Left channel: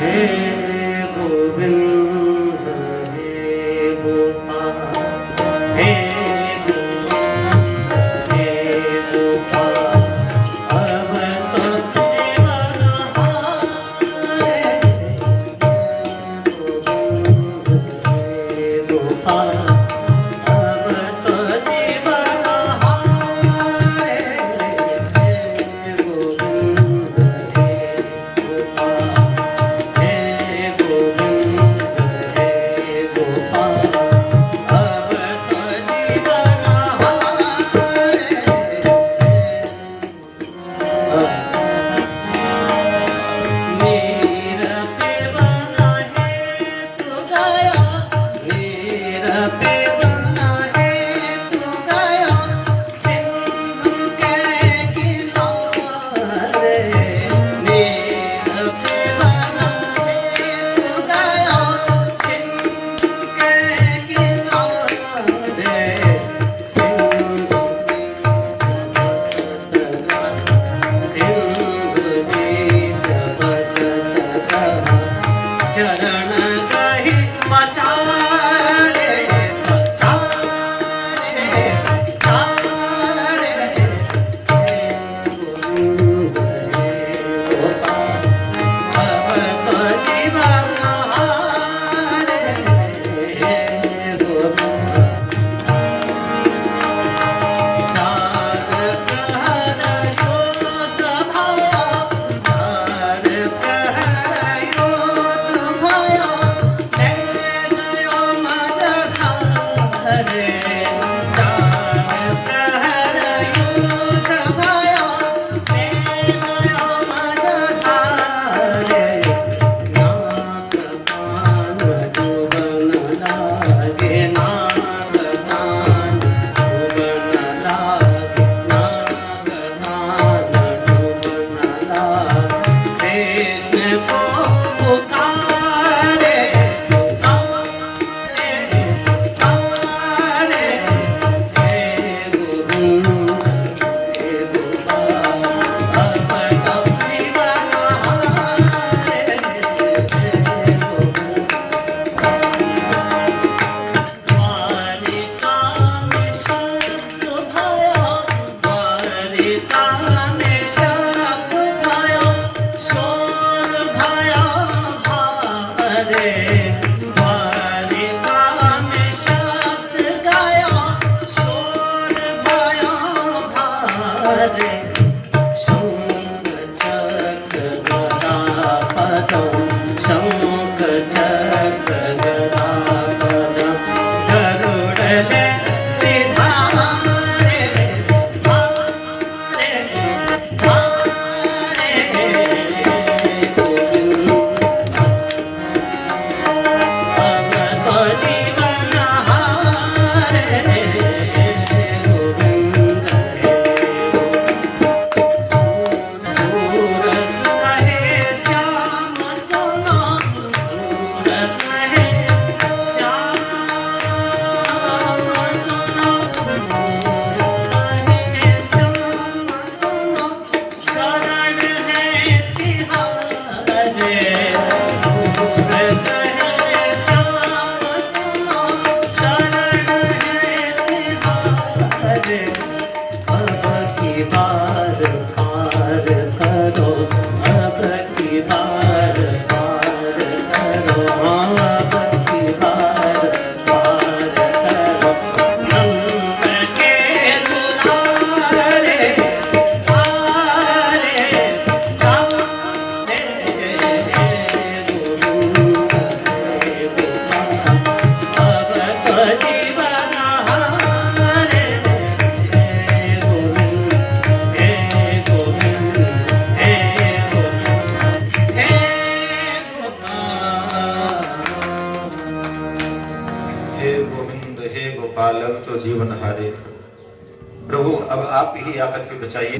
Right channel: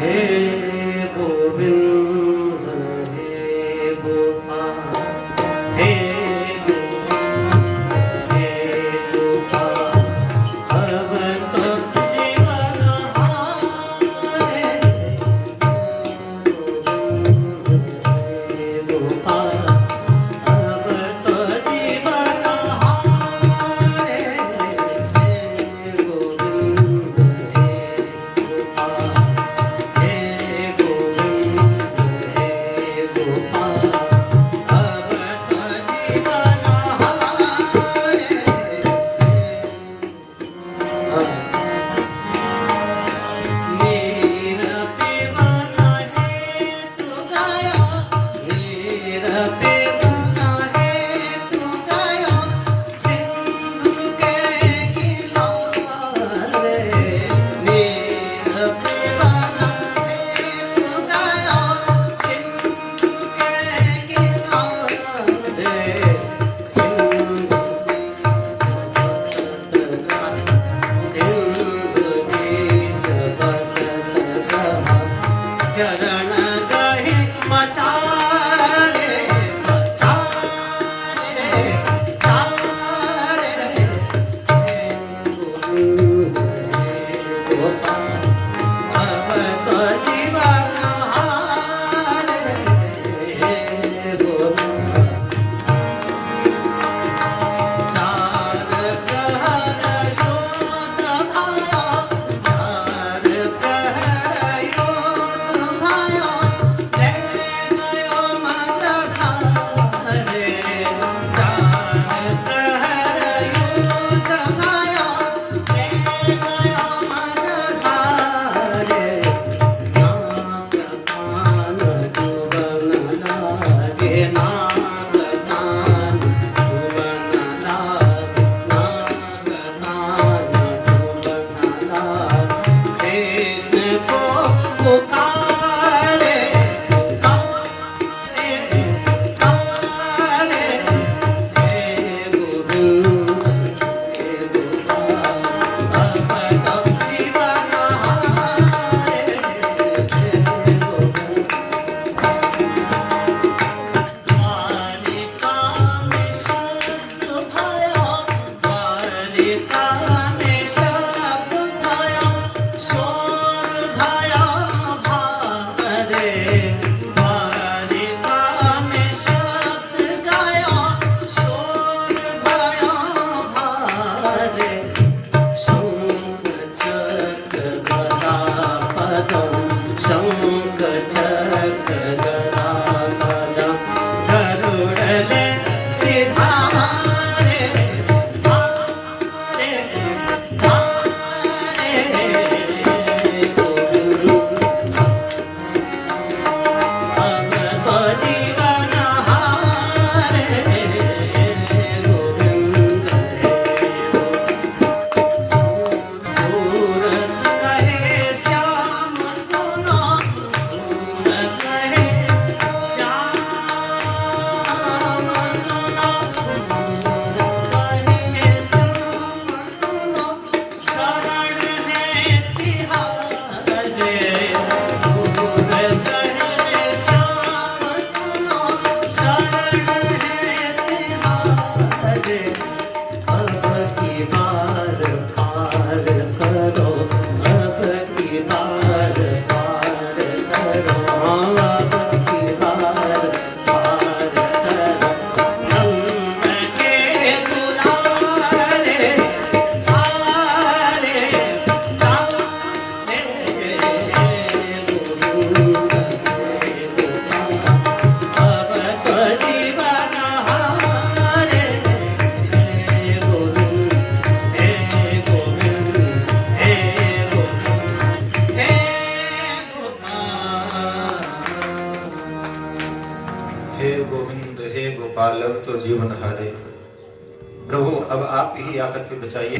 हे गोविंद हे गोपाल हे गोविंद हे गोपाल अब तो जीवन हारे गोविंद हे गोपाल अब तो जीवन हारे गोविंद हे चरण कही मचारे गोविंद हे गोपाल अब तो जीवन हारे गोविंद चार प्रहर योद्ध भया चार प्रहर योद्ध भया नयो मझधारे चार प्रहर योद्ध भया नयो मझधारे नाग कान जुबन लागे नाग कान जुबन लागे नाग कान जुबन लागे कृष्ण को पुकारे पुकारे पुकारे हे गोविंद हे गोपाल अब तो जीवन हारे गोविंद द्वारिका में शब्द भयो द्वारिका में शब्द भयो शोर भया भारे द्वारिका में शब्द गया शोर भया भारे शंख चक्र गदा पदम शंख चक्र गदा पदम गरुड़ले सिधारे धारे धारे गोविंद अब तो जीवन हारे गोविंद हे सूरत कहे श्याम सुना सूरत कहे श्याम सुना सूरत कहे श्याम सुना शरण है तिहारे सूरत कहे श्याम सुना शरण है तिहारे अब की बार पार करो अब की बार पार करो अब की बार पार करो नंद के दुलारे आरे गारे गोविंद हे गोपाल अब तो जीवन हारे गोविंद हे गोविंद हे गोविंद हे गोपाल हे गोविंद हे गोपाल अब तो जीवन हारे। प्रभु अब आप ही आकर के बचाइए।